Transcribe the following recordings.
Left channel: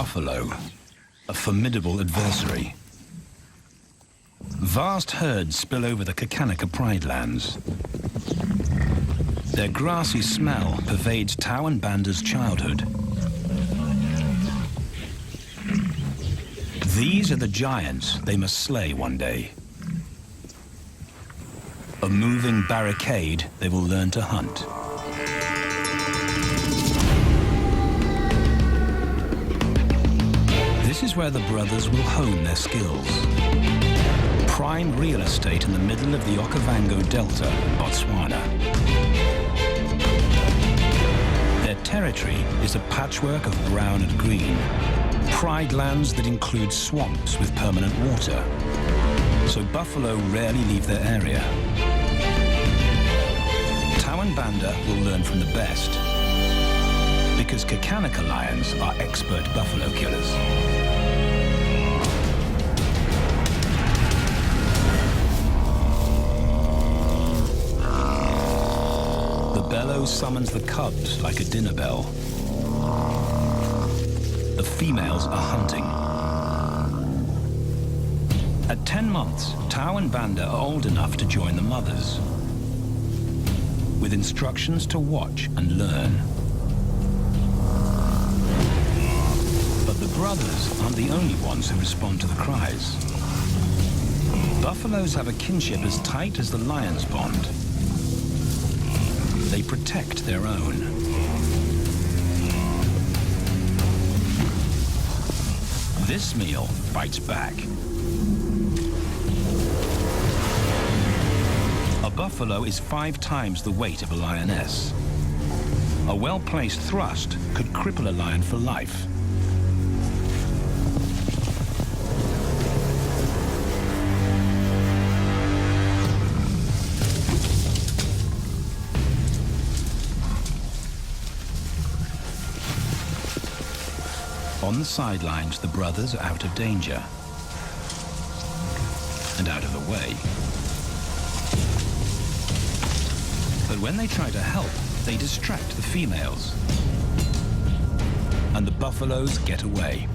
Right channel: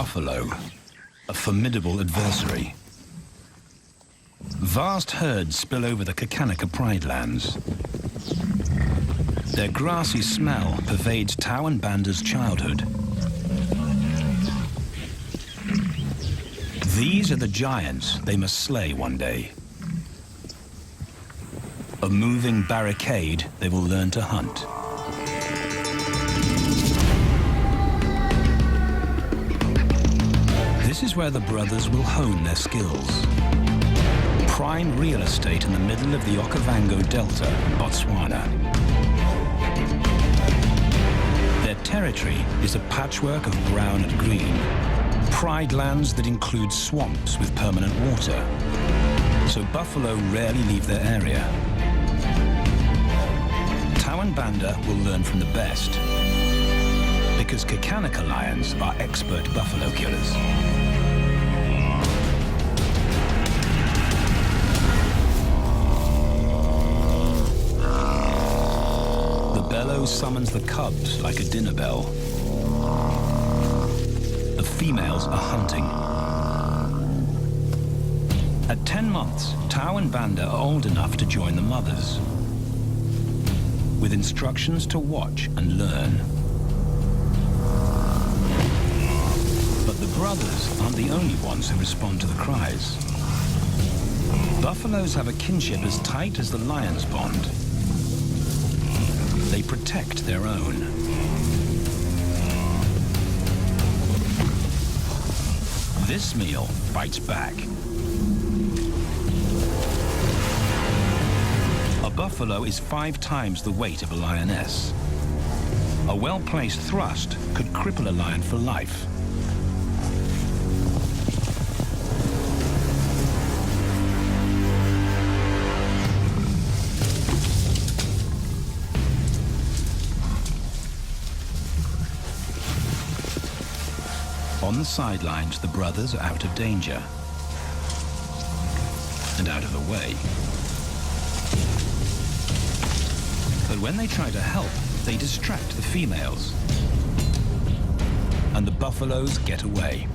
buffalo, a formidable adversary. Vast herds spill over the Kakanika Pride lands. Their grassy smell pervades Tau and Banda's childhood. These are the giants they must slay one day. A moving barricade they will learn to hunt. This is where the brothers will hone their skills. Prime real estate in the middle of the Okavango Delta in Botswana. Their territory is a patchwork of brown and green. Pride lands that include swamps with permanent water. So buffalo rarely leave their area. Tau and Banda will learn from the best, because Kakanika lions are expert buffalo killers. The bellow summons the cubs like a dinner bell. The females are hunting. At 10 months, Tau and Banda are old enough to join the mothers, with instructions to watch and learn. But the brothers aren't the only ones who respond to the cries. Buffaloes have a kinship as tight as the lions' bond. They protect their own. This meal bites back. A buffalo is 5 times the weight of a lioness. A well-placed thrust could cripple a lion for life. On the sidelines, the brothers are out of danger and out of the way. But when they try to help, they distract the females, and the buffaloes get away.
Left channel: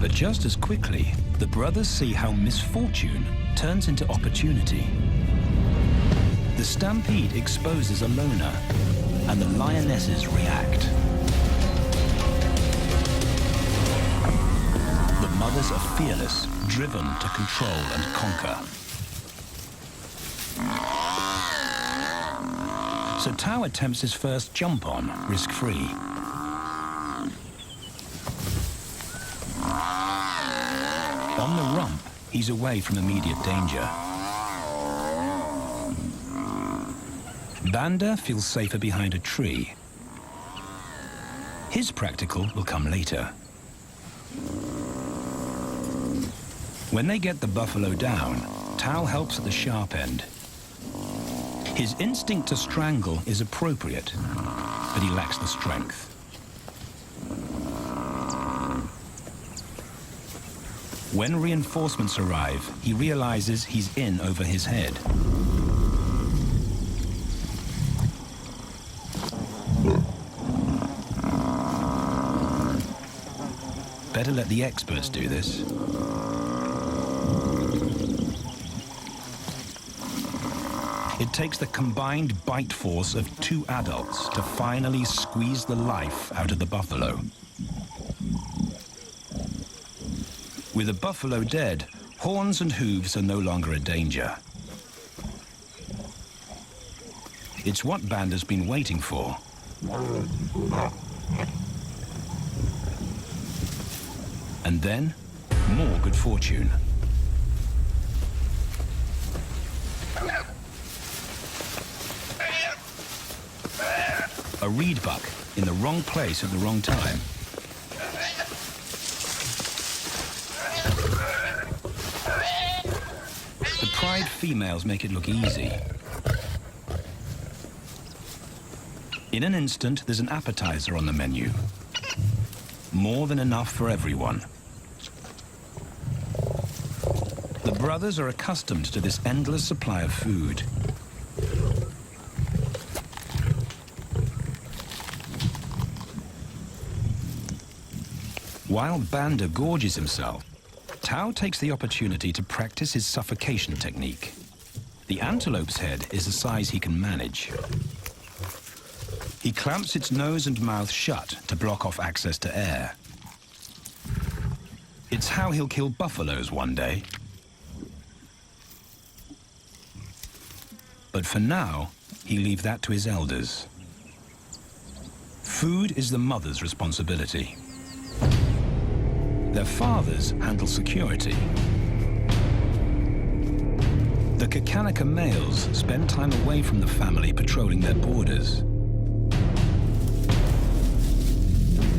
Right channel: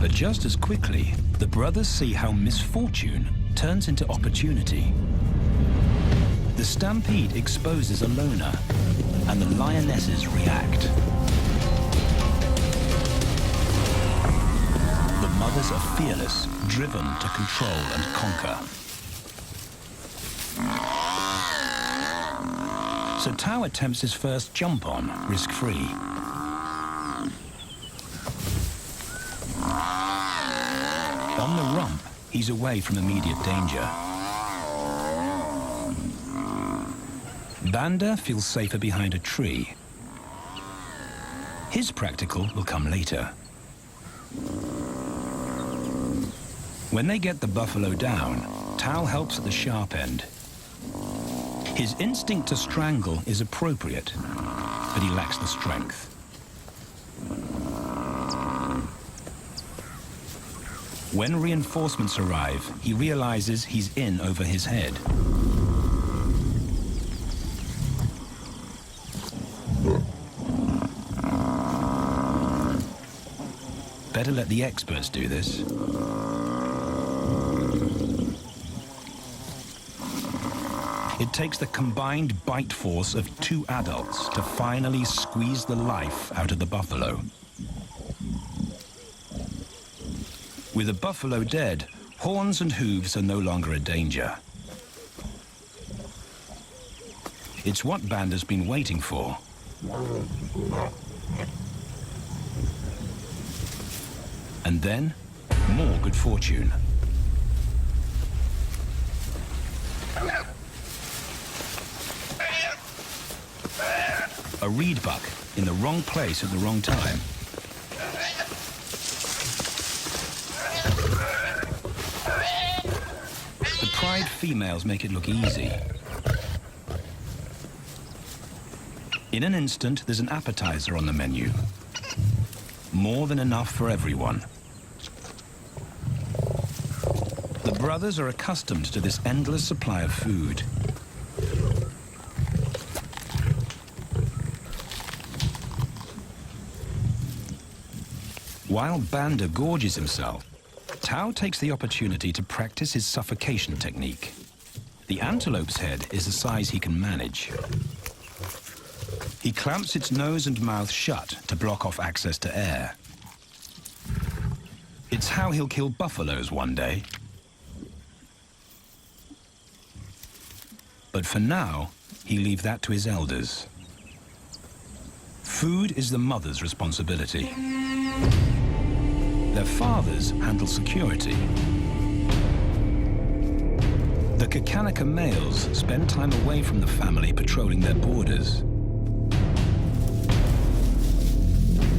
But just as quickly, the brothers see how misfortune turns into opportunity. The stampede exposes a loner, and the lionesses react. The mothers are fearless, driven to control and conquer. So Tau attempts his first jump on, risk-free. On the rump, he's away from immediate danger. Banda feels safer behind a tree. His practical will come later. When they get the buffalo down, Tau helps at the sharp end. His instinct to strangle is appropriate, but he lacks the strength. When reinforcements arrive, he realizes he's in over his head. Better let the experts do this. It takes the combined bite force of 2 adults to finally squeeze the life out of the buffalo. With the buffalo dead, horns and hooves are no longer a danger. It's what Banda's been waiting for. And then, more good fortune. A reed buck in the wrong place at the wrong time. The pride females make it look easy. In an instant, there's an appetizer on the menu. More than enough for everyone. The brothers are accustomed to this endless supply of food. While Banda gorges himself, Tao takes the opportunity to practice his suffocation technique. The antelope's head is a size he can manage. He clamps its nose and mouth shut to block off access to air. It's how he'll kill buffaloes one day. But for now, he leaves that to his elders. Food is the mother's responsibility. Their fathers handle security. The Kakanaka males spend time away from the family patrolling their borders.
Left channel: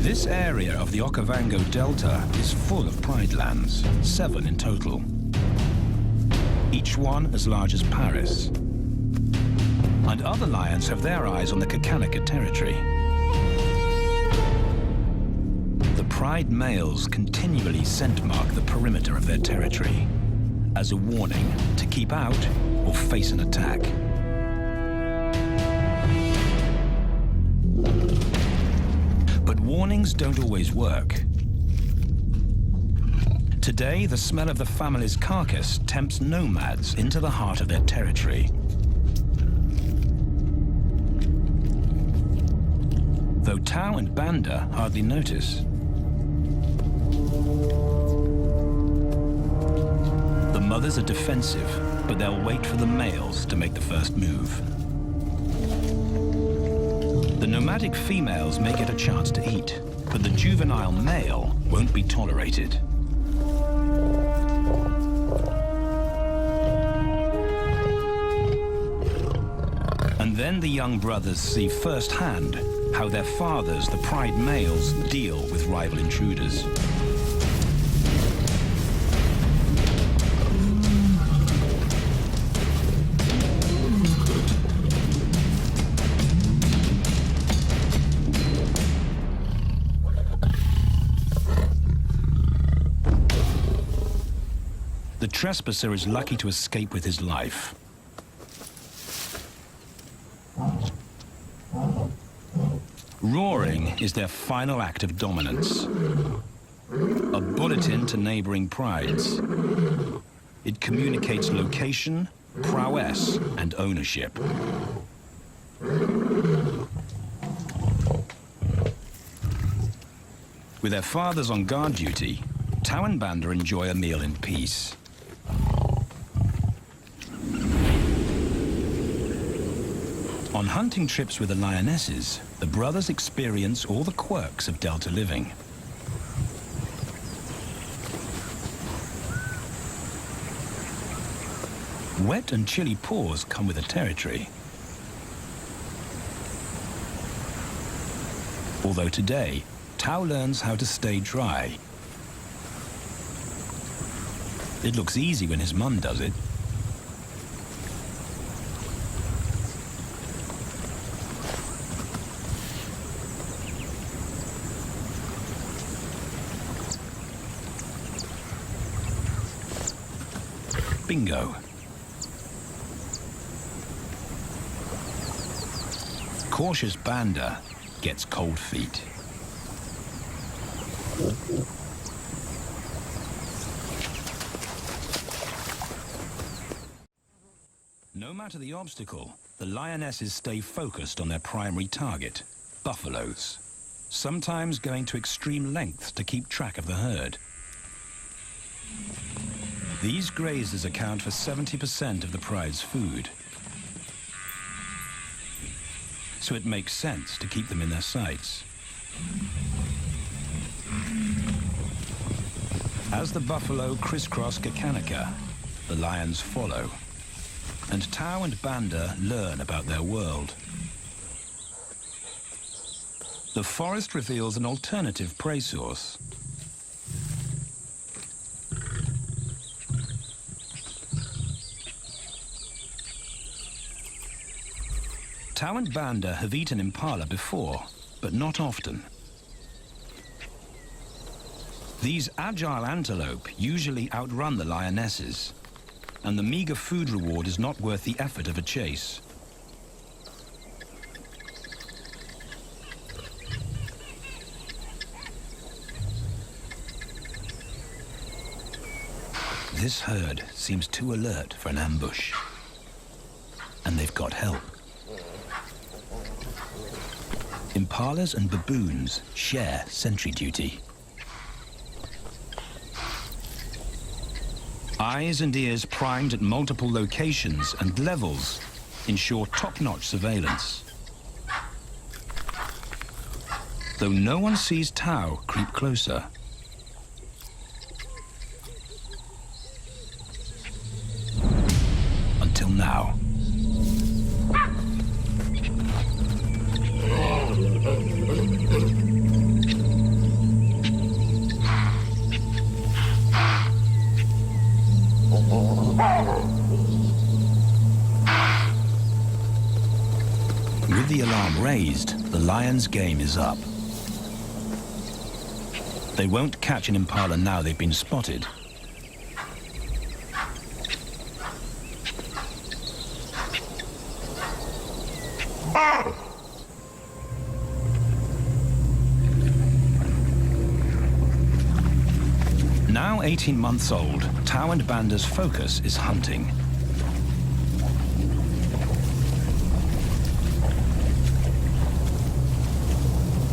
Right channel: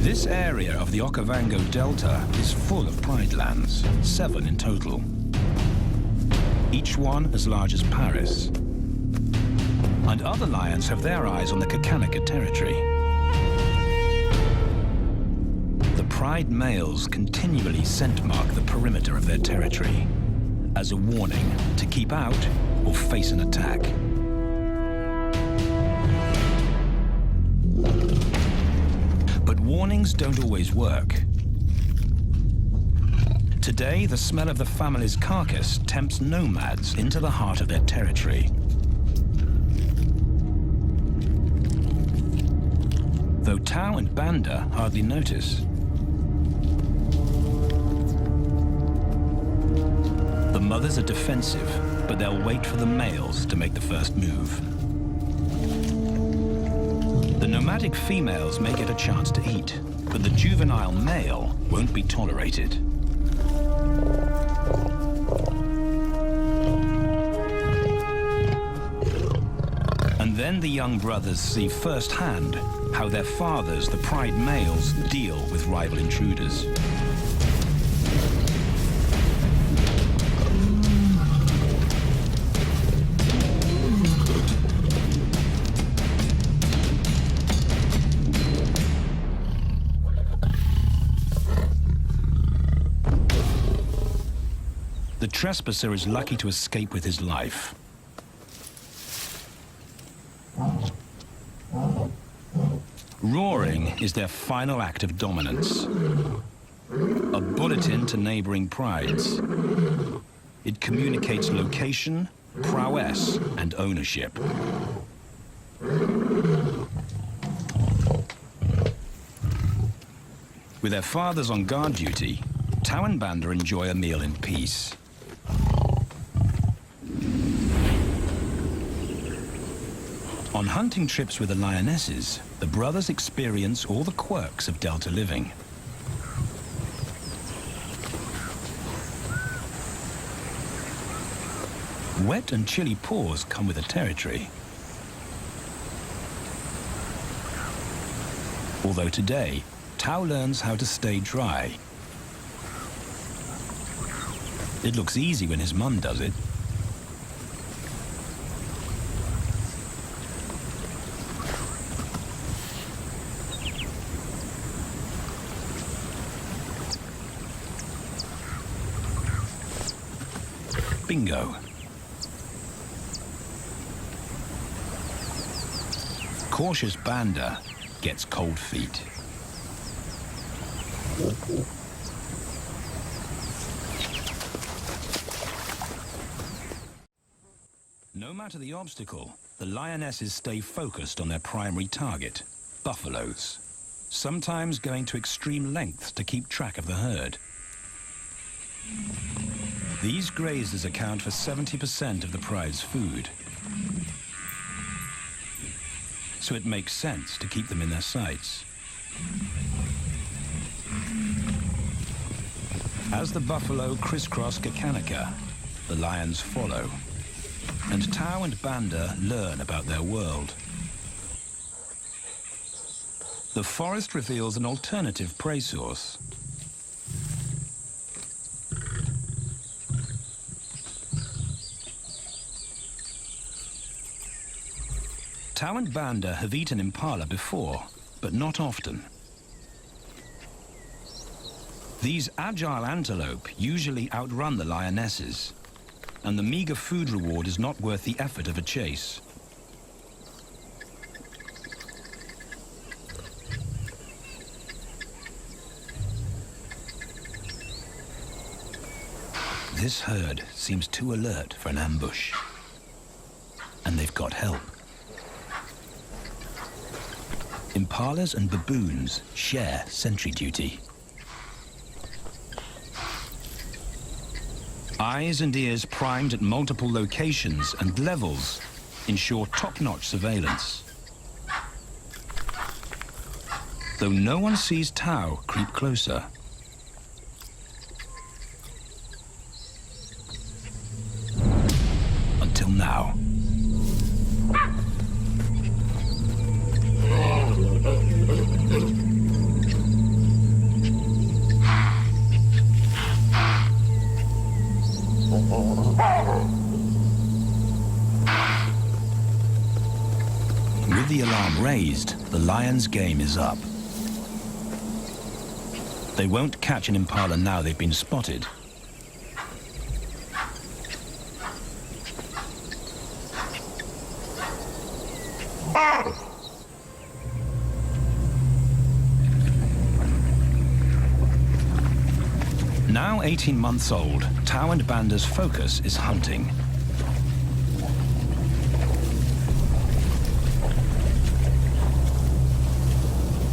This area of the Okavango Delta is full of pride lands, 7 in total. Each one as large as Paris. And other lions have their eyes on the Kakanaka territory. The pride males continually scent mark the perimeter of their territory as a warning to keep out or face an attack. But warnings don't always work. Today, the smell of the family's carcass tempts nomads into the heart of their territory. Though Tao and Banda hardly notice. The mothers are defensive, but they'll wait for the males to make the first move. The nomadic females may get a chance to eat, but the juvenile male won't be tolerated. And then the young brothers see firsthand how their fathers, the pride males, deal with rival intruders. The trespasser is lucky to escape with his life. Roaring is their final act of dominance. A bulletin to neighboring prides. It communicates location, prowess, and ownership. With their fathers on guard duty, Tao and Banda enjoy a meal in peace. On hunting trips with the lionesses, the brothers experience all the quirks of Delta living. Wet and chilly paws come with the territory. Although today, Tao learns how to stay dry. It looks easy when his mum does it. Bingo. Cautious Banda gets cold feet. No matter the obstacle, the lionesses stay focused on their primary target, buffaloes, sometimes going to extreme lengths to keep track of the herd. These grazers account for 70% of the pride's food. So it makes sense to keep them in their sights. As the buffalo crisscross Kakanaka, the lions follow. And Tao and Banda learn about their world. The forest reveals an alternative prey source. Tao and Banda have eaten impala before, but not often. These agile antelope usually outrun the lionesses, and the meager food reward is not worth the effort of a chase. This herd seems too alert for an ambush. And they've got help. Impalas and baboons share sentry duty. Eyes and ears primed at multiple locations and levels ensure top-notch surveillance. Though no one sees Tao creep closer. Until now. With the alarm raised, the lion's game is up. They won't catch an impala now they've been spotted. Now 18 months old, Tao and Banda's focus is hunting.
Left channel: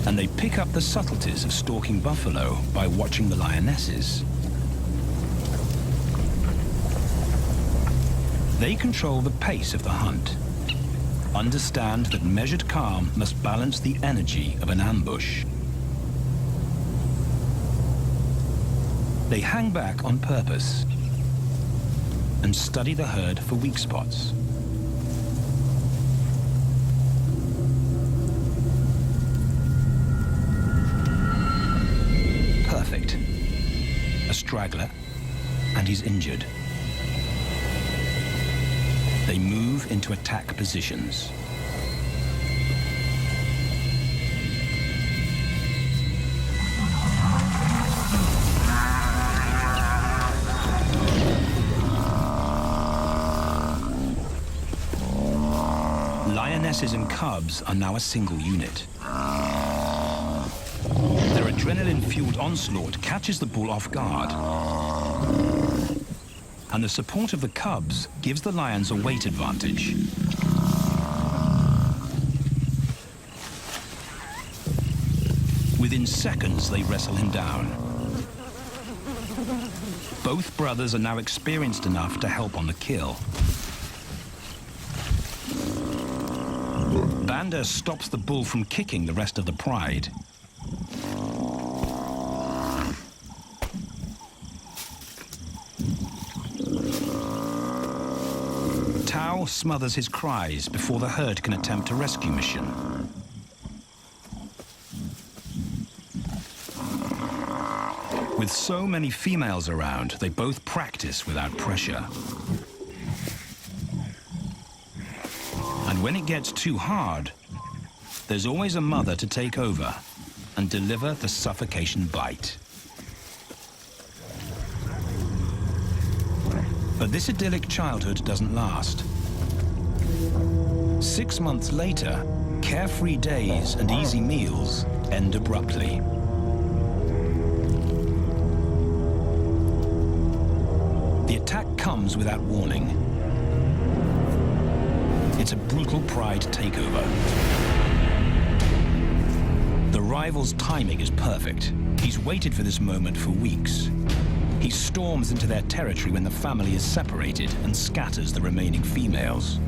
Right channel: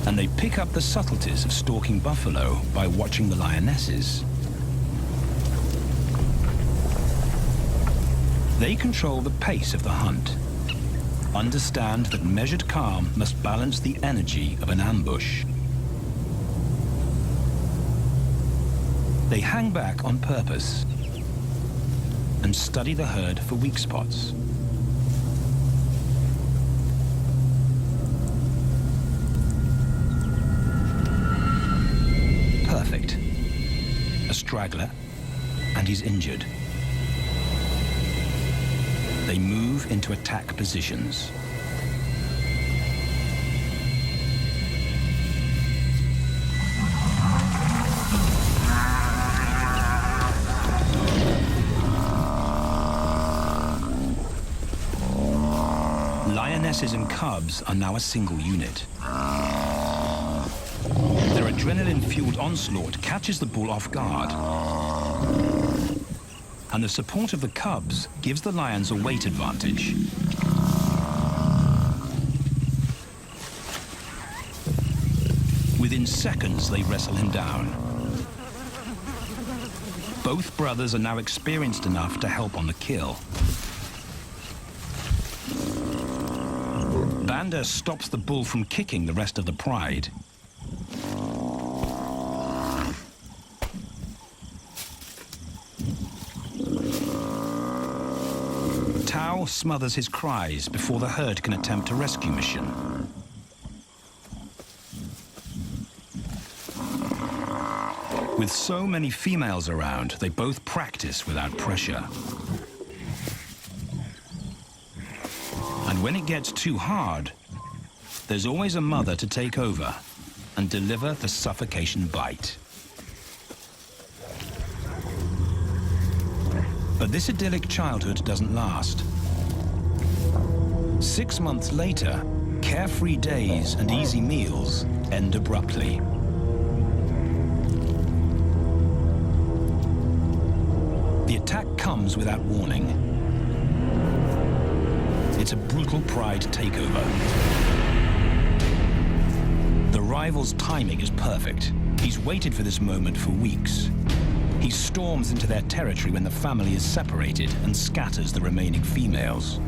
And they pick up the subtleties of stalking buffalo by watching the lionesses. They control the pace of the hunt, understand that measured calm must balance the energy of an ambush. They hang back on purpose and study the herd for weak spots. Perfect. A straggler, and he's injured. They move into attack positions. Lionesses and cubs are now a single unit. Their adrenaline-fueled onslaught catches the bull off guard. And the support of the cubs gives the lions a weight advantage. Within seconds, they wrestle him down. Both brothers are now experienced enough to help on the kill. Banda stops the bull from kicking the rest of the pride. Tao smothers his cries before the herd can attempt a rescue mission. With so many females around, they both practice without pressure. And when it gets too hard, there's always a mother to take over and deliver the suffocation bite. But this idyllic childhood doesn't last. 6 months later, carefree days and easy meals end abruptly. The attack comes without warning. It's a brutal pride takeover. The rival's timing is perfect. He's waited for this moment for weeks. He storms into their territory when the family is separated and scatters the remaining females.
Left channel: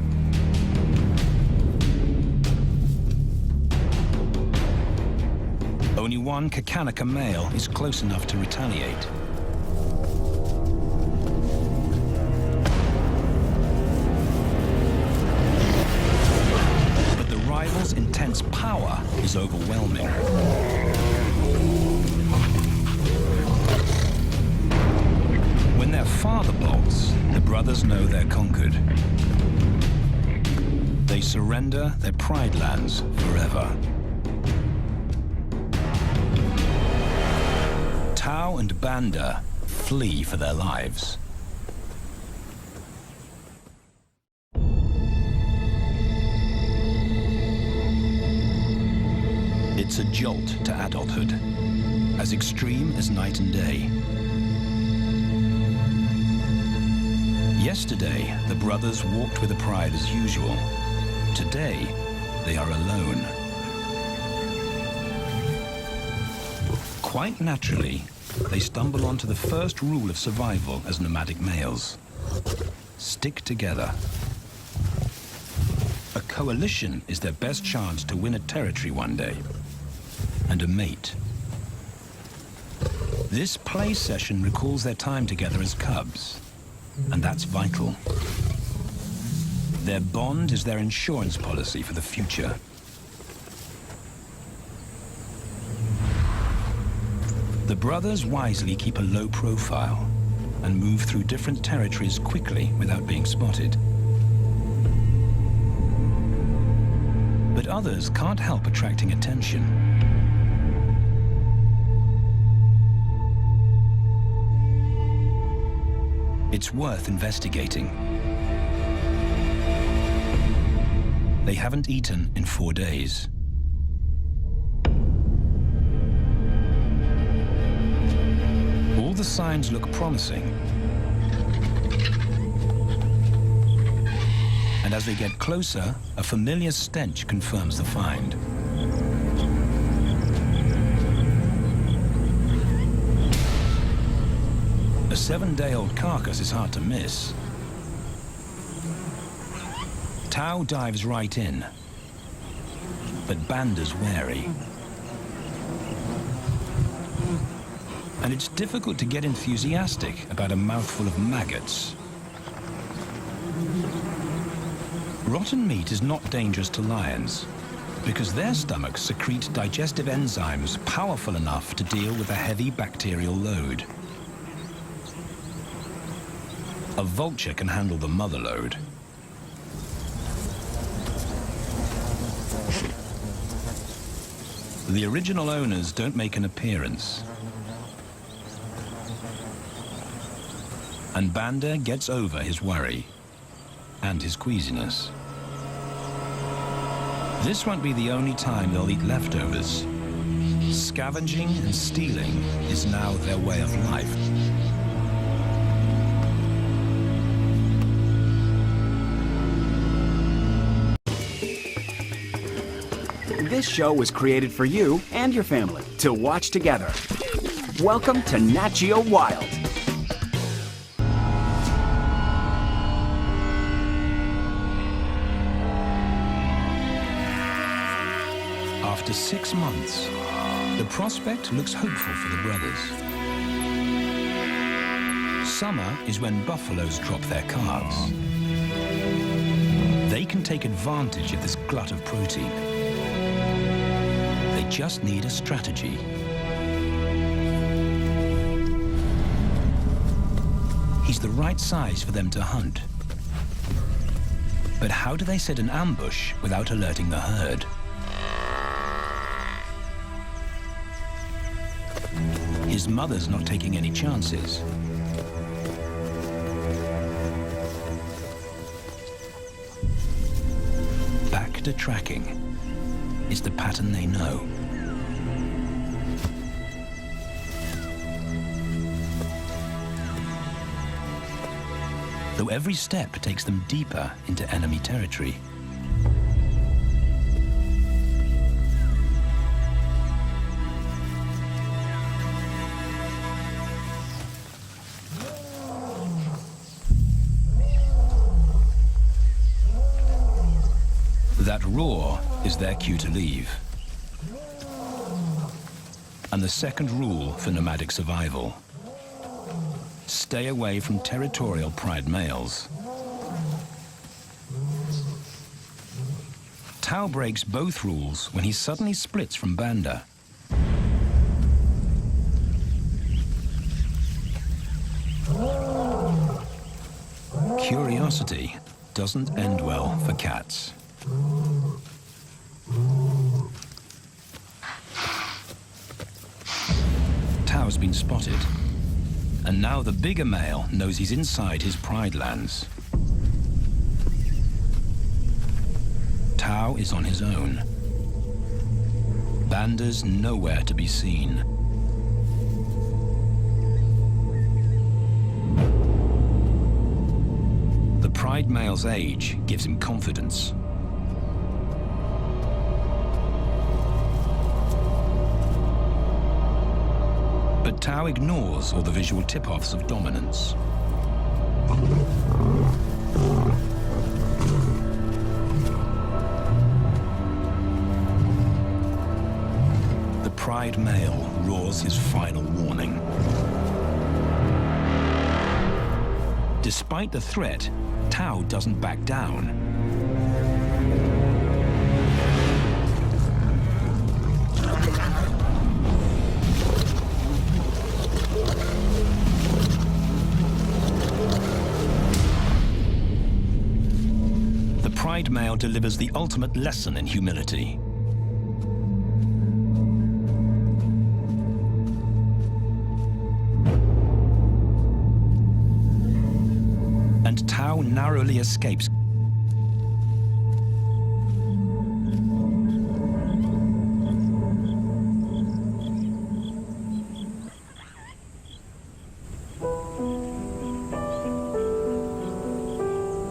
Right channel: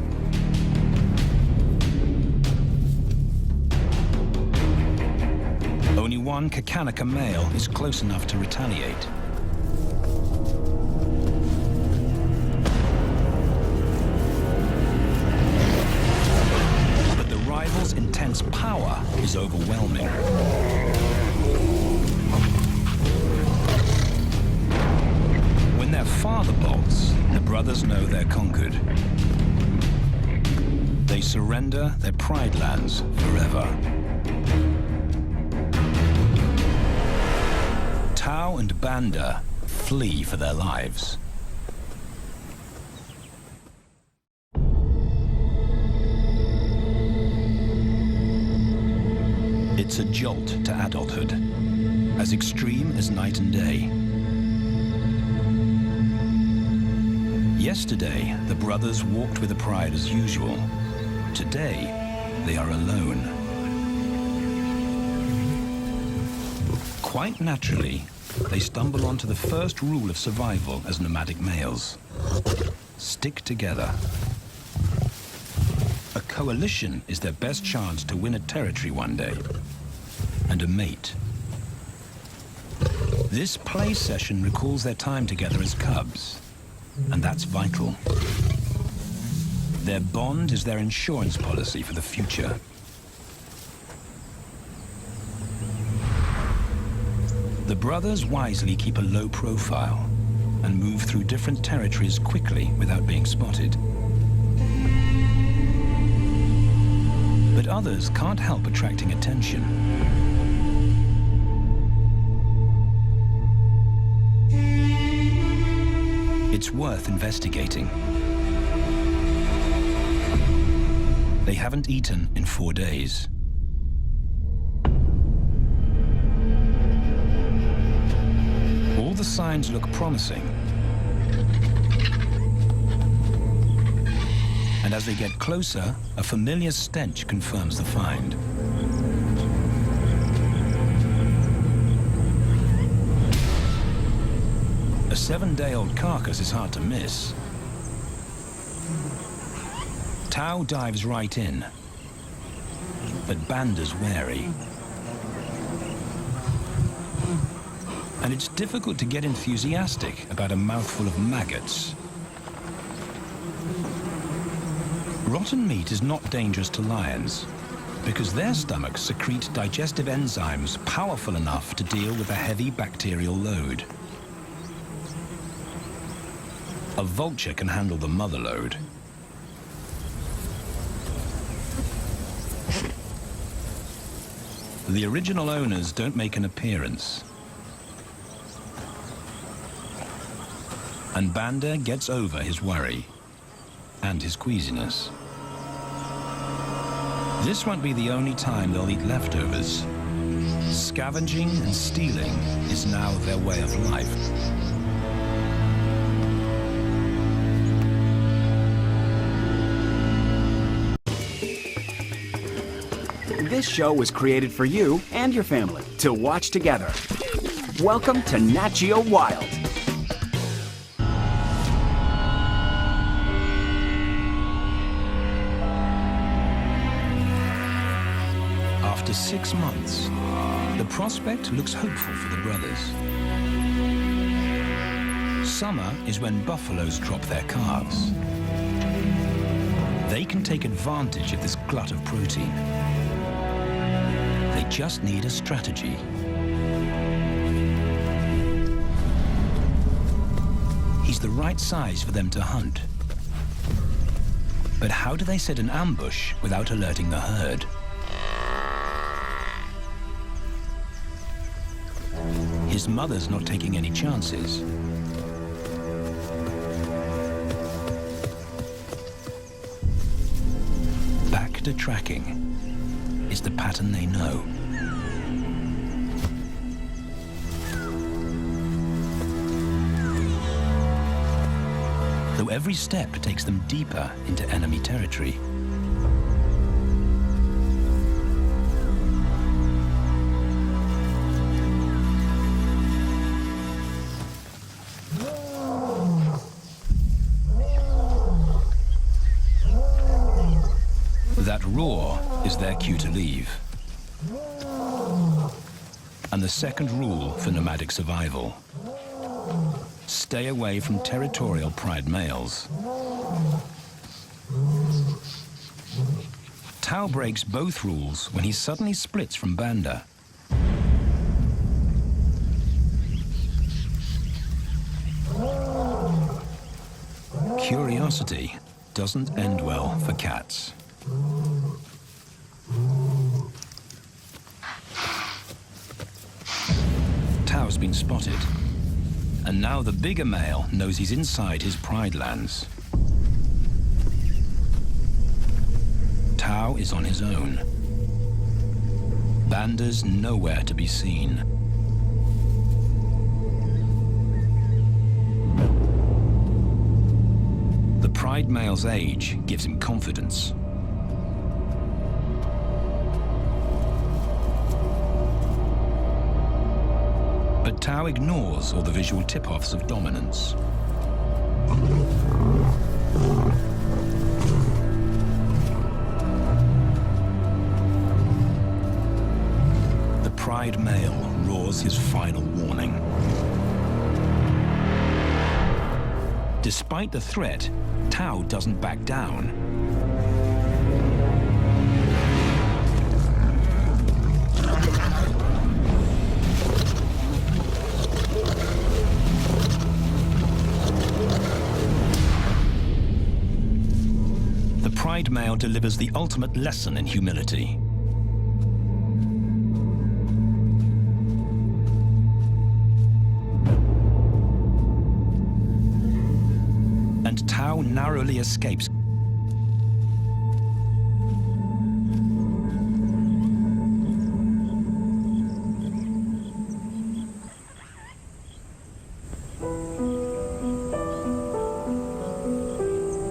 Only one Kakanaka male is close enough to retaliate. But the rival's intense power is overwhelming. When their father bolts, the brothers know they're conquered. They surrender their pride lands forever. Tao and Banda flee for their lives. It's a jolt to adulthood, as extreme as night and day. Yesterday, the brothers walked with a pride as usual. Today, they are alone. Quite naturally, they stumble onto the first rule of survival as nomadic males. Stick together. A coalition is their best chance to win a territory one day, and a mate. This play session recalls their time together as cubs, and that's vital. Their bond is their insurance policy for the future. The brothers wisely keep a low profile and move through different territories quickly without being spotted. But others can't help attracting attention. It's worth investigating. They haven't eaten in 4 days. All the signs look promising. And as they get closer, a familiar stench confirms the find. A 7-day-old carcass is hard to miss. Tao dives right in, but Banda's wary. And it's difficult to get enthusiastic about a mouthful of maggots. Rotten meat is not dangerous to lions, because their stomachs secrete digestive enzymes powerful enough to deal with a heavy bacterial load. A vulture can handle the mother load. The original owners don't make an appearance. And Banda gets over his worry and his queasiness. This won't be the only time they'll eat leftovers. Scavenging and stealing is now their way of life. This show was created for you and your family to watch together. Welcome to Nat Geo Wild. After 6 months, the prospect looks hopeful for the brothers. Summer is when buffaloes drop their calves. They can take advantage of this glut of protein. They just need a strategy. He's the right size for them to hunt. But how do they set an ambush without alerting the herd? His mother's not taking any chances. Back to tracking. It's the pattern they know. Though every step takes them deeper into enemy territory. That roar is their cue to leave. And the second rule for nomadic survival: stay away from territorial pride males. Tao breaks both rules when he suddenly splits from Banda. Curiosity doesn't end well for cats. Tao's been spotted, and now the bigger male knows he's inside his pride lands. Tao is on his own. Banda's nowhere to be seen. pride male's age gives him confidence. But Tao ignores all the visual tip-offs of dominance. The pride male roars his final warning. Despite the threat, Tao doesn't back down. The pride male delivers the ultimate lesson in humility. And Tao narrowly escapes.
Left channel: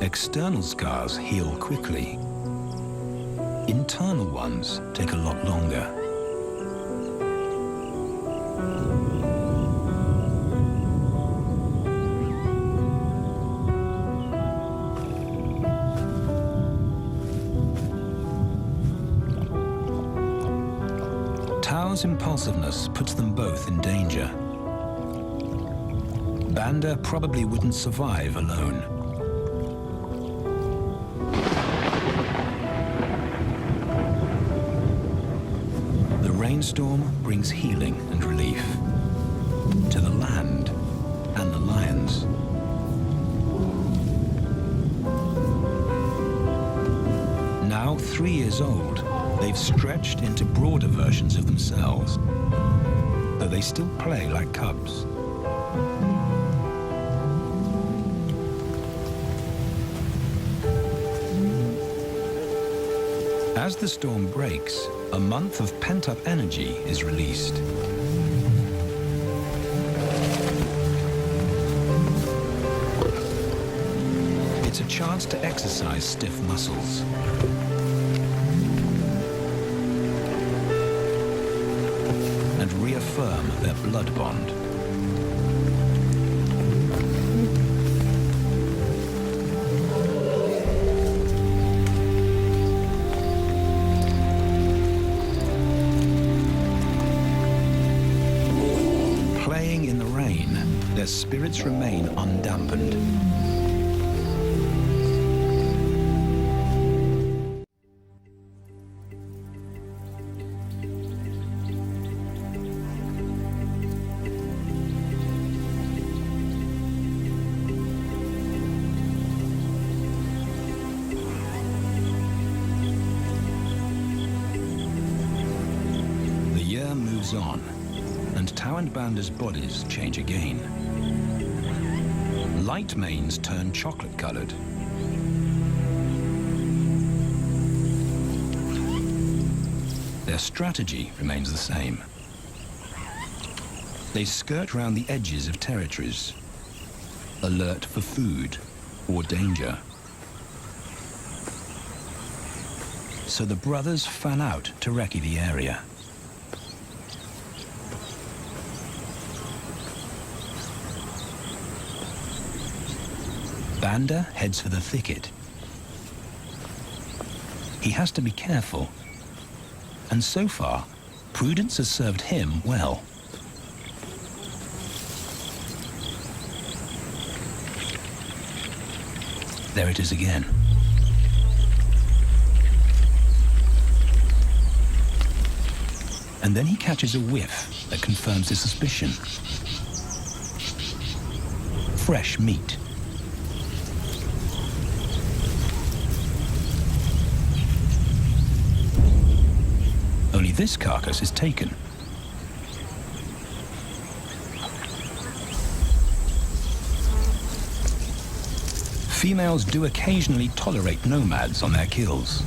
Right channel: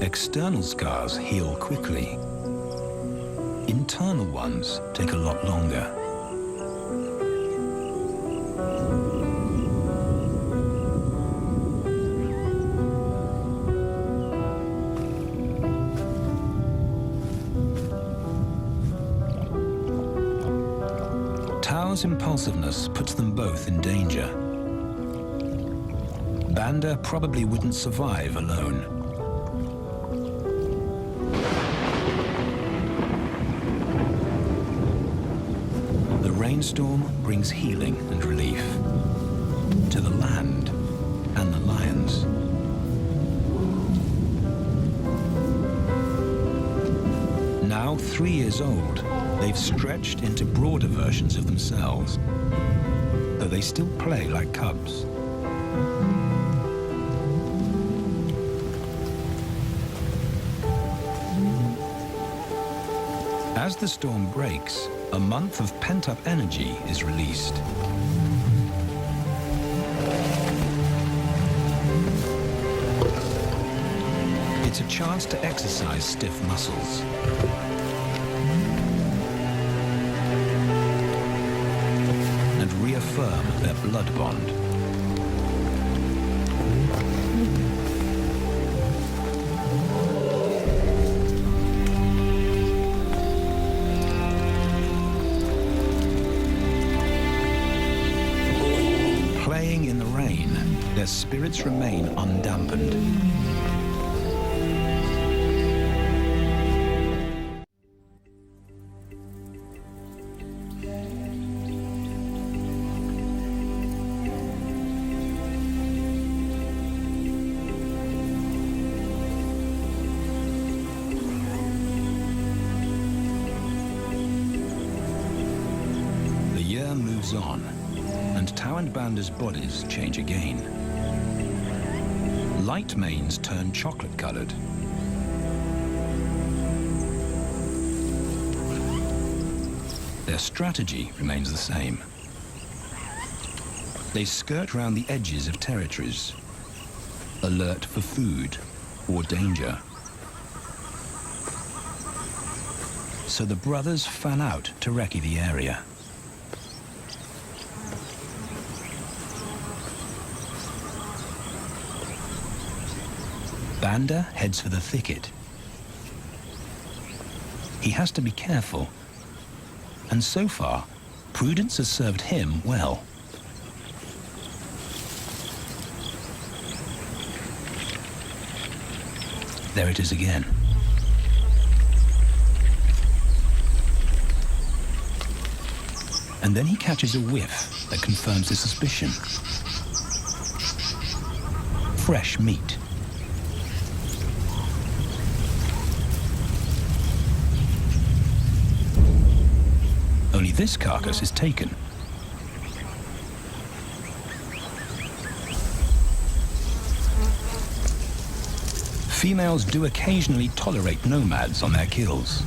External scars heal quickly. Internal ones take a lot longer. Tao's impulsiveness puts them both in danger. Banda probably wouldn't survive alone. The rainstorm brings healing and relief to the land and the lions. Now 3 years old, they've stretched into broader versions of themselves, though they still play like cubs. As the storm breaks, a month of pent-up energy is released. It's a chance to exercise stiff muscles. And reaffirm their blood bond. Playing in the rain, their spirits remain undampened. The year moves on, and Tao and Banda's bodies change again. Light manes turn chocolate-colored. Their strategy remains the same. They skirt round the edges of territories, alert for food or danger. So the brothers fan out to recce the area. Banda heads for the thicket. He has to be careful, and so far, prudence has served him well. There it is again. And then he catches a whiff that confirms his suspicion. Fresh meat. Only this carcass is taken. Females do occasionally tolerate nomads on their kills.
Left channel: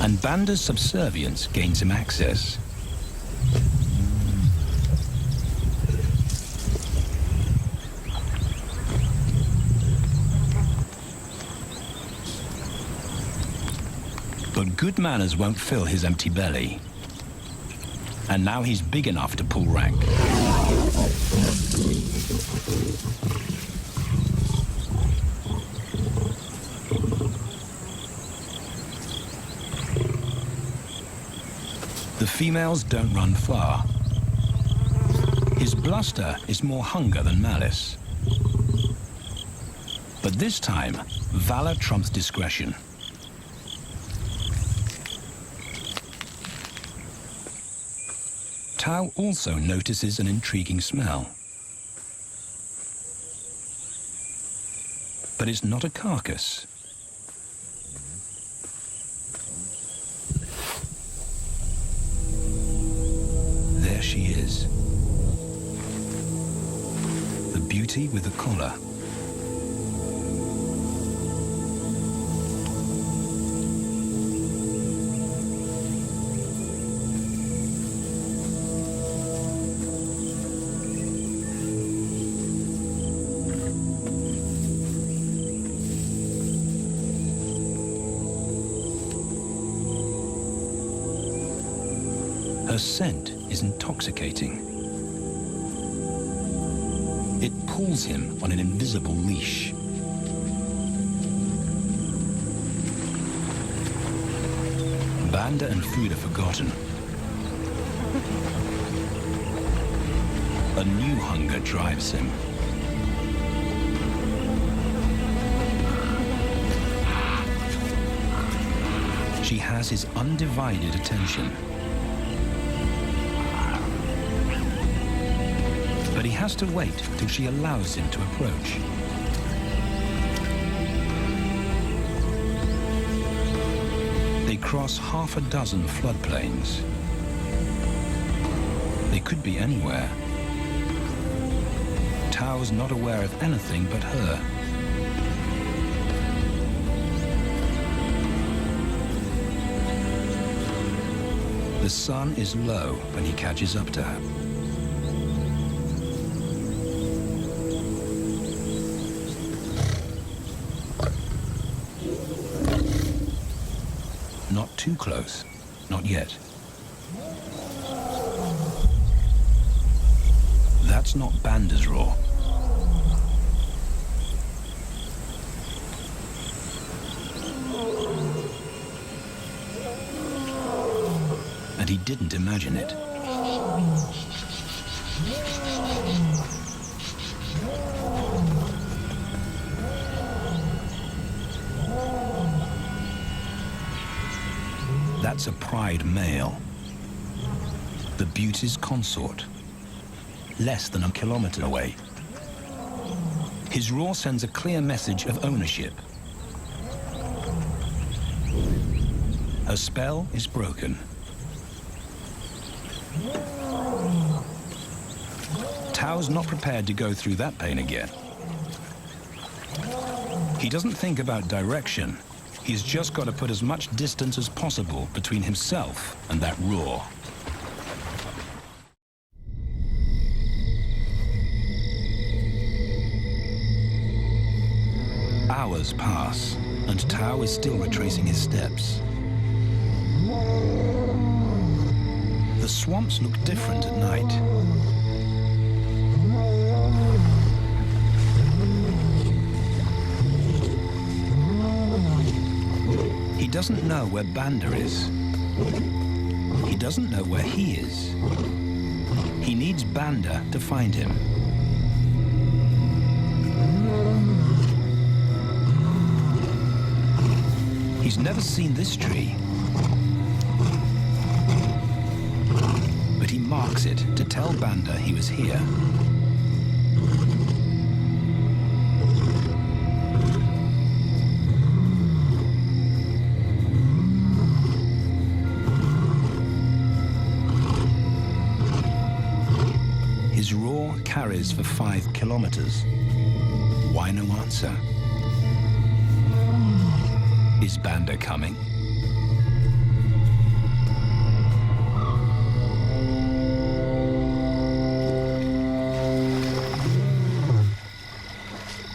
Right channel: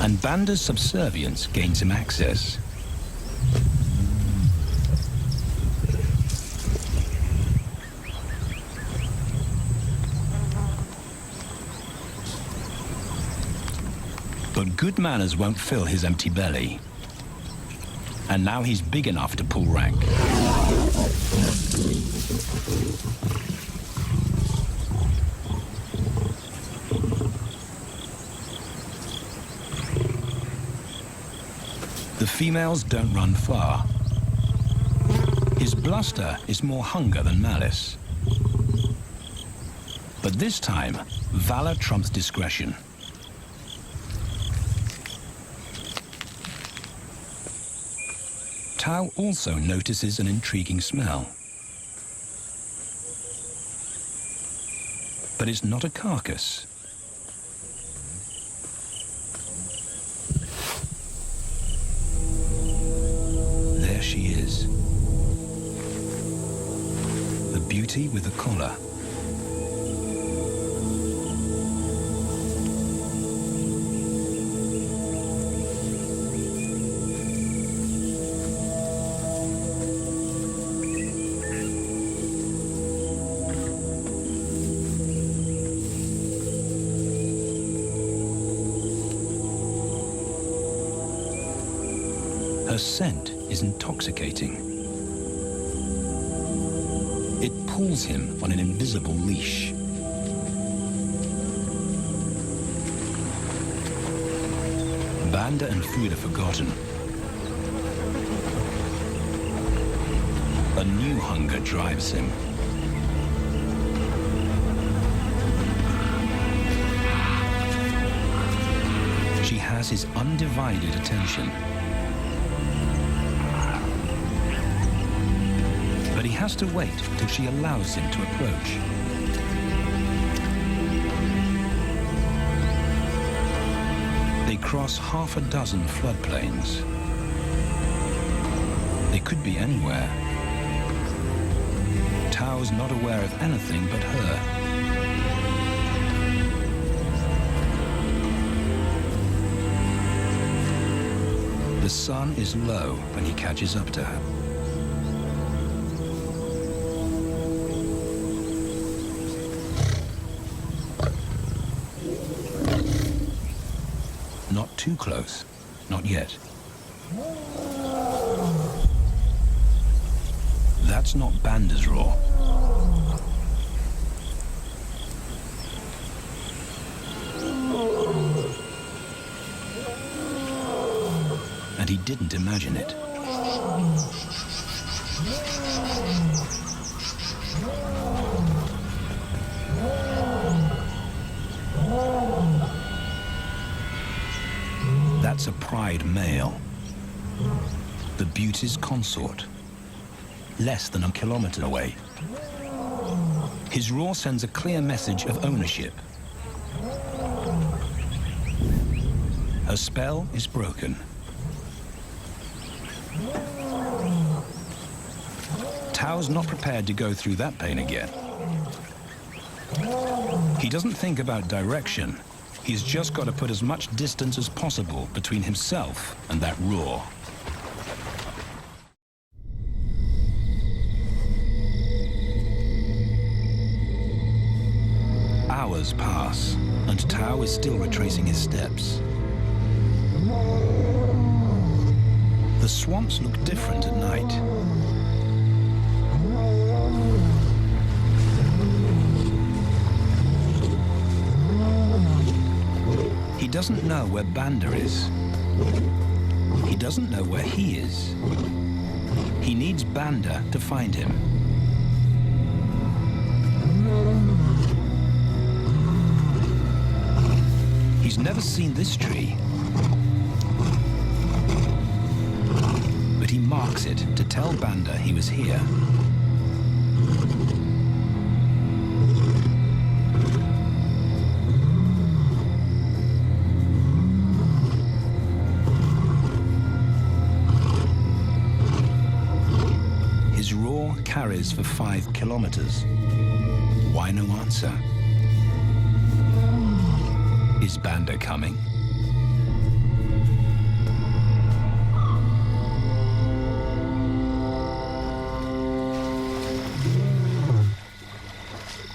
And Banda's subservience gains him access. But good manners won't fill his empty belly. And now he's big enough to pull rank. The females don't run far. His bluster is more hunger than malice. But this time, valor trumps discretion. Tao also notices an intriguing smell. But it's not a carcass. There she is. The beauty with the collar. Her scent is intoxicating. It pulls him on an invisible leash. Banda and food are forgotten. A new hunger drives him. She has his undivided attention. But he has to wait till she allows him to approach. They cross half a dozen floodplains. They could be anywhere. Tao's not aware of anything but her. The sun is low when he catches up to her. Not too close, not yet. That's not Banda's roar. And he didn't imagine it. That's a pride male. The beauty's consort. Less than a kilometer away. His roar sends a clear message of ownership. Her spell is broken. Tao's not prepared to go through that pain again. He doesn't think about direction. He's just got to put as much distance as possible between himself and that roar. Hours pass, and Tao is still retracing his steps. The swamps look different at night. He doesn't know where Banda is. He doesn't know where he is. He needs Banda to find him. He's never seen this tree. But he marks it to tell Banda he was here. His roar carries for 5 kilometers. Why no answer? Is Banda coming?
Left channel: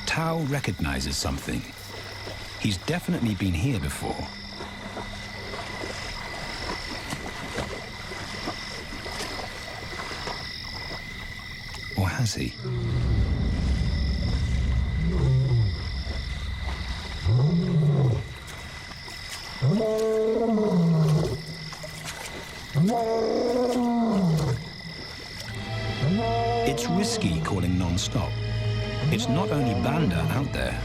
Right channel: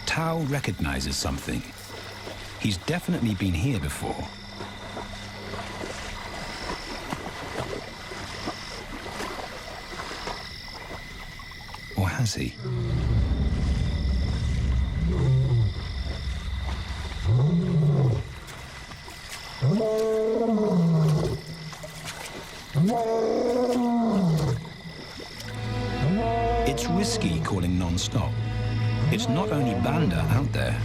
Tao recognizes something. He's definitely been here before. has he? It's risky calling non-stop. It's not only Banda out there.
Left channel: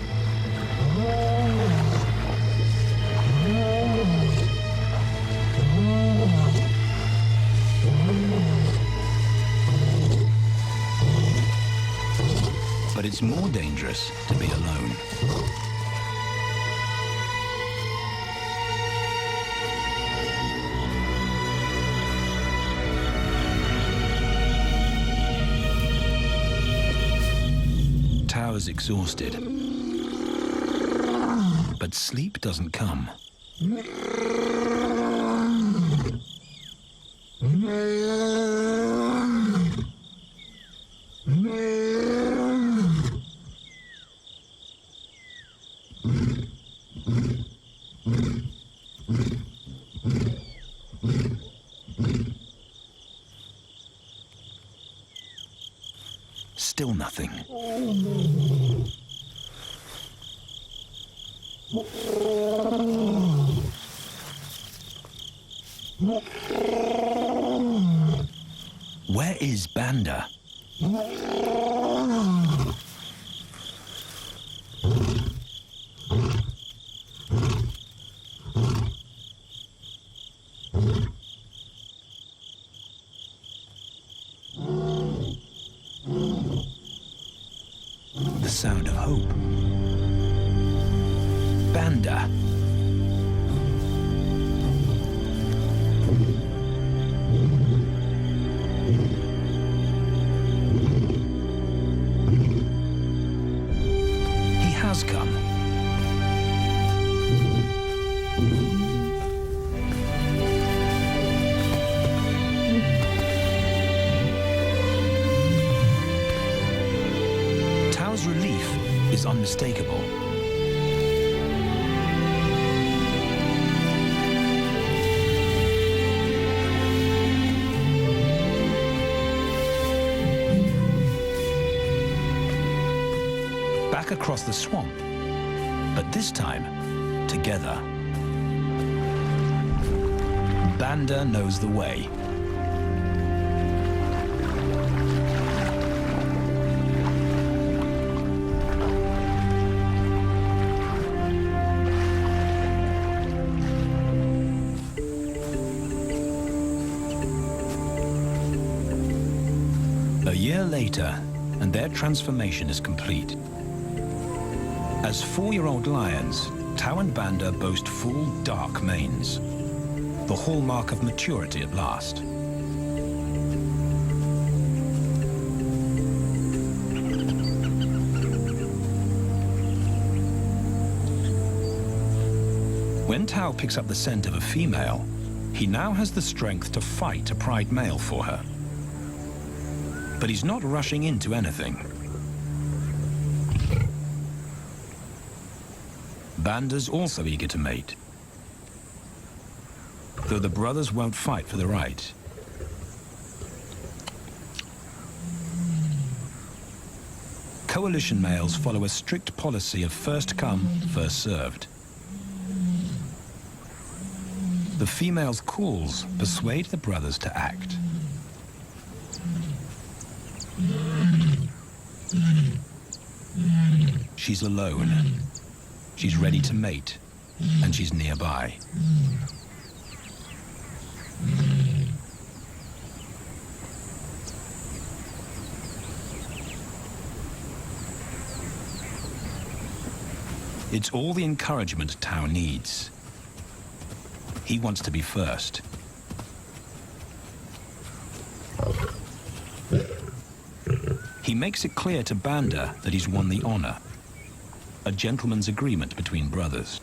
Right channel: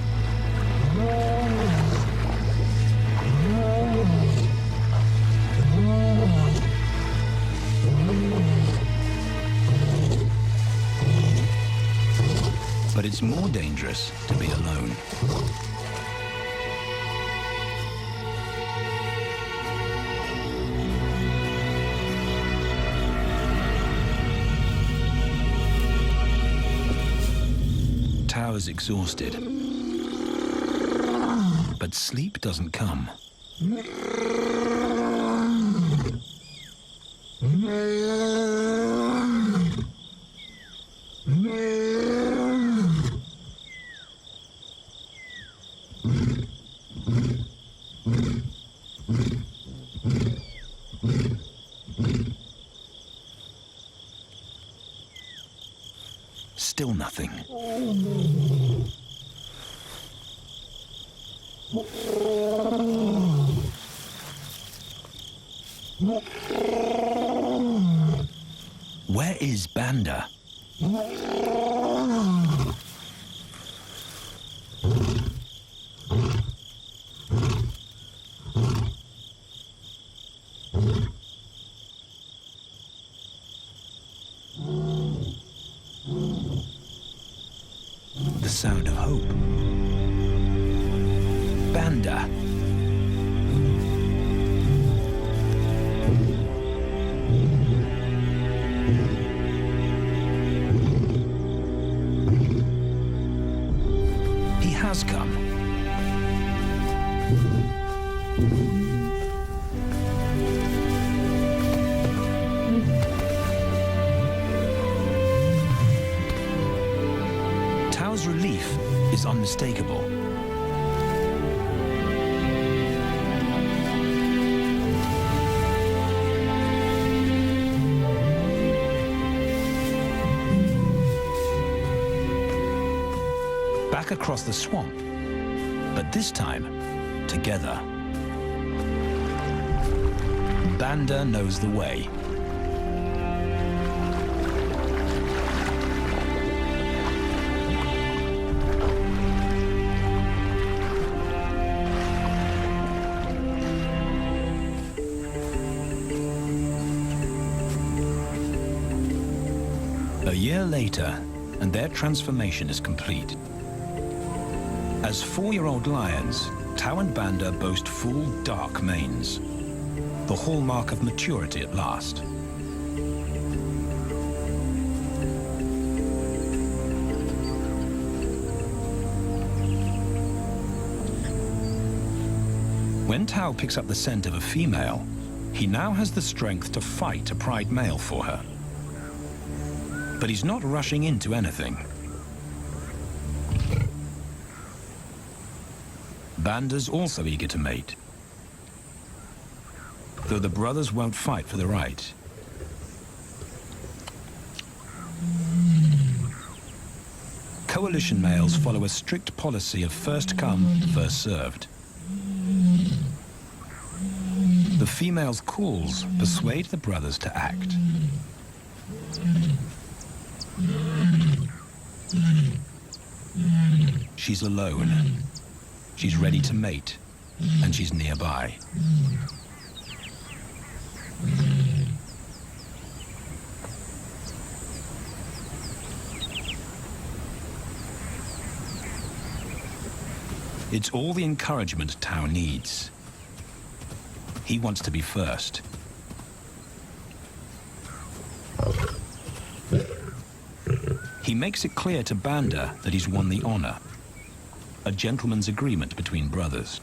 But it's more dangerous to be alone. Tao is exhausted, but sleep doesn't come. Still nothing. Where is Banda? The sound of hope. Banda. He has come. Tao's relief is unmistakable. Back across the swamp, but this time, together. Banda knows the way. A year later, and their transformation is complete. As 4-year-old lions, Tao and Banda boast full, dark manes, the hallmark of maturity at last. When Tao picks up the scent of a female, he now has the strength to fight a pride male for her. But he's not rushing into anything. Banda's also eager to mate, though the brothers won't fight for the right. Coalition males follow a strict policy of first come, first served. The female's calls persuade the brothers to act. She's alone. She's ready to mate, and she's nearby. It's all the encouragement Tao needs. He wants to be first. He makes it clear to Banda that he's won the honor, a gentleman's agreement between brothers.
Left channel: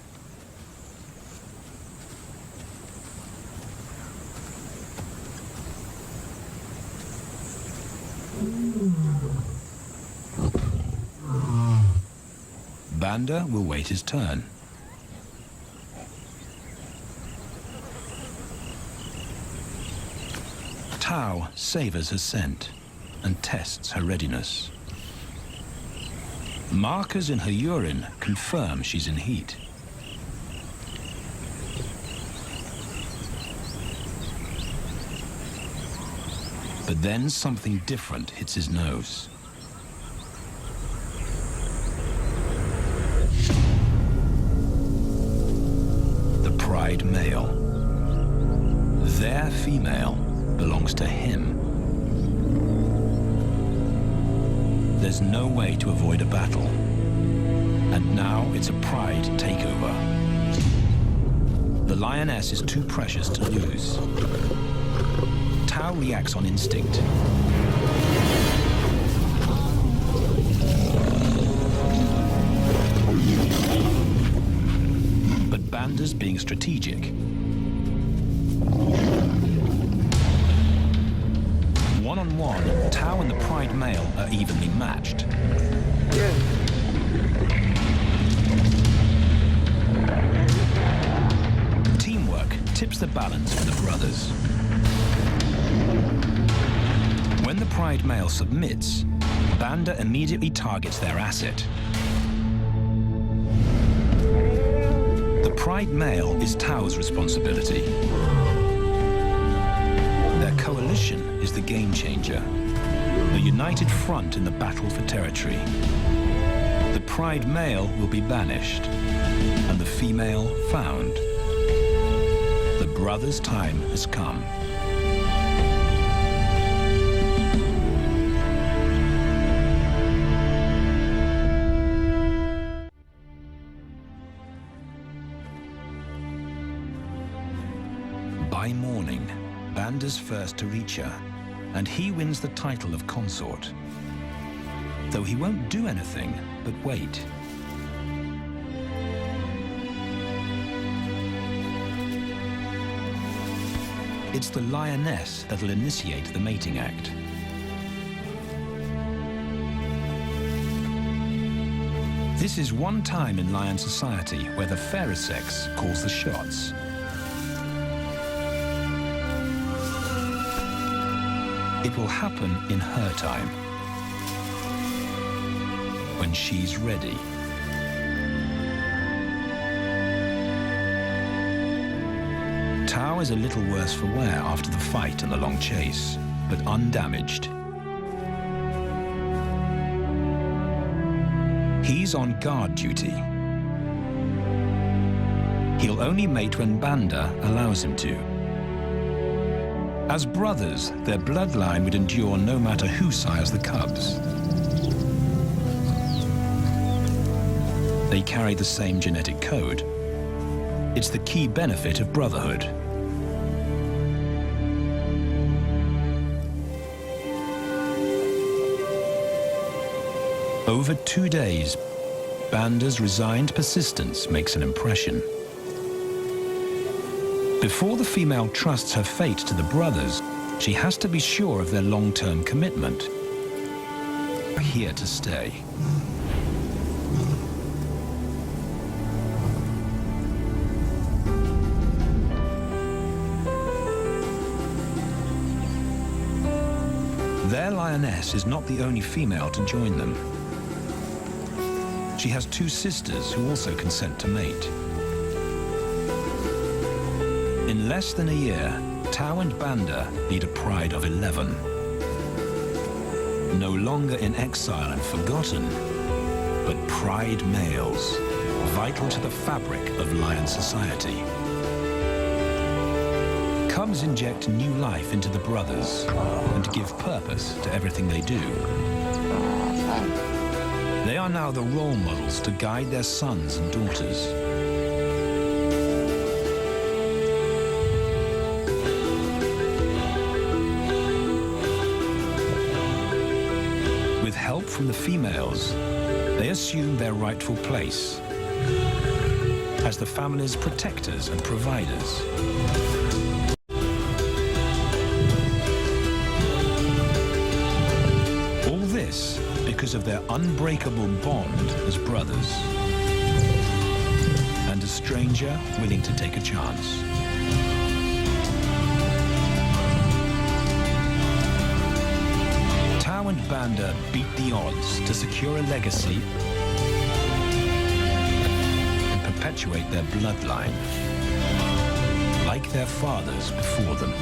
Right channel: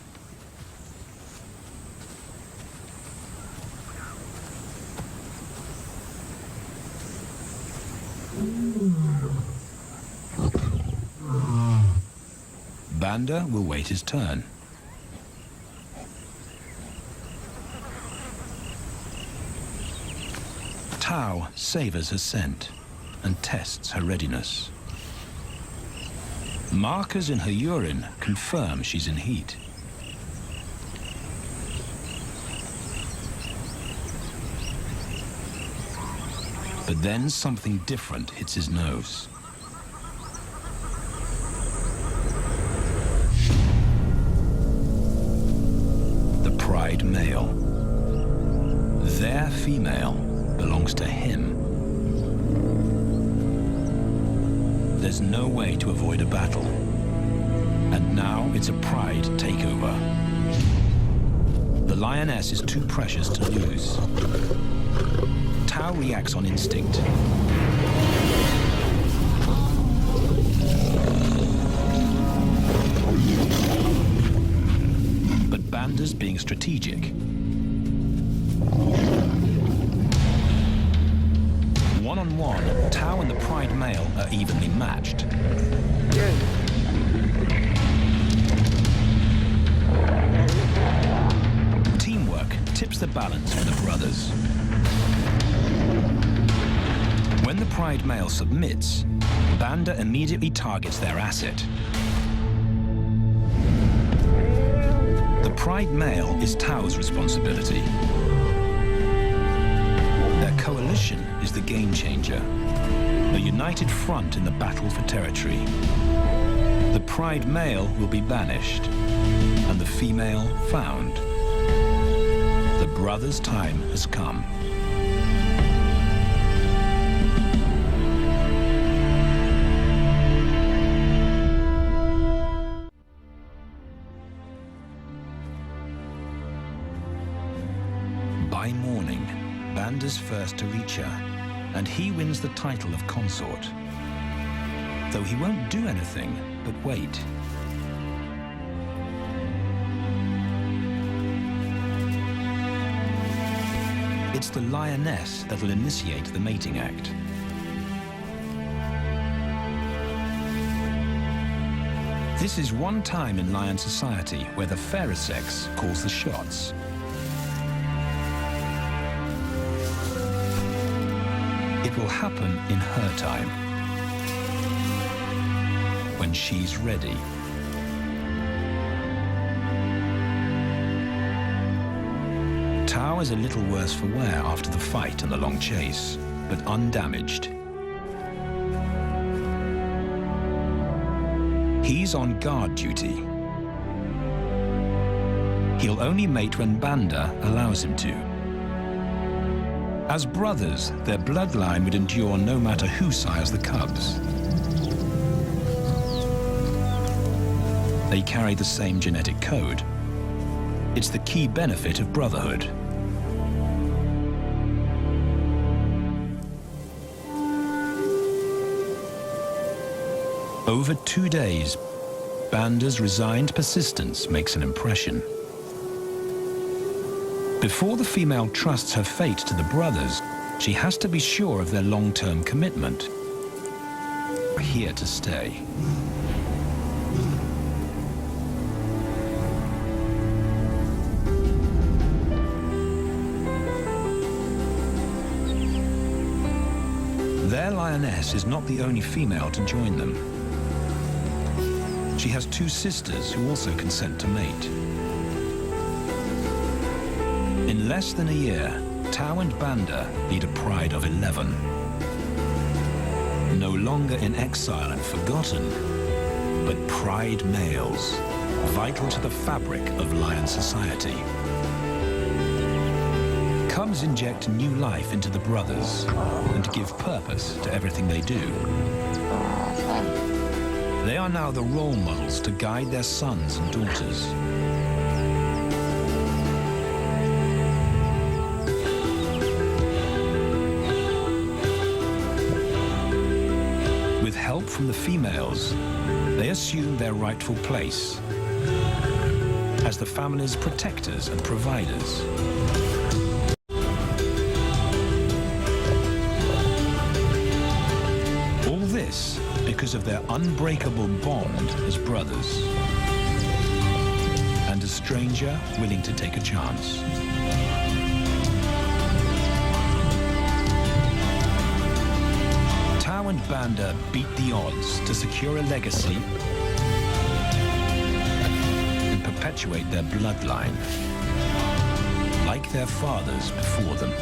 Banda will wait his turn. Tao savors her scent and tests her readiness. Markers in her urine confirm she's in heat. But then something different hits his nose. The pride male. Their female belongs to him. There's no way to avoid a battle. And now it's a pride takeover. The lioness is too precious to lose. Tao reacts on instinct. But Banda's being strategic. One-on-one, Tao and the pride male are evenly matched. Teamwork tips the balance for the brothers. When the pride male submits, Banda immediately targets their asset. The pride male is Tao's responsibility. Their coalition is the game changer, a united front in the battle for territory. The pride male will be banished, and the female found. The brothers' time has come. By morning, Banda's first to reach her, and he wins the title of consort. Though he won't do anything but wait. It's the lioness that'll initiate the mating act. This is one time in lion society where the fairer sex calls the shots. It will happen in her time, when she's ready. Tao is a little worse for wear after the fight and the long chase, but undamaged. He's on guard duty. He'll only mate when Banda allows him to. As brothers, their bloodline would endure no matter who sires the cubs. They carry the same genetic code. It's the key benefit of brotherhood. Over 2 days, Banda's resigned persistence makes an impression. Before the female trusts her fate to the brothers, she has to be sure of their long-term commitment. Here to stay. Their lioness is not the only female to join them. She has 2 sisters who also consent to mate. In less than a year, Tao and Banda lead a pride of 11. No longer in exile and forgotten, but pride males, vital to the fabric of lion society. Cubs inject new life into the brothers and give purpose to everything they do. They are now the role models to guide their sons and daughters. With help from the females, they assume their rightful place as the family's protectors and providers. All this because of their unbreakable bond as brothers, and a stranger willing to take a chance. Tao Cow and Banda beat the odds to secure a legacy and perpetuate their bloodline, like their fathers before them.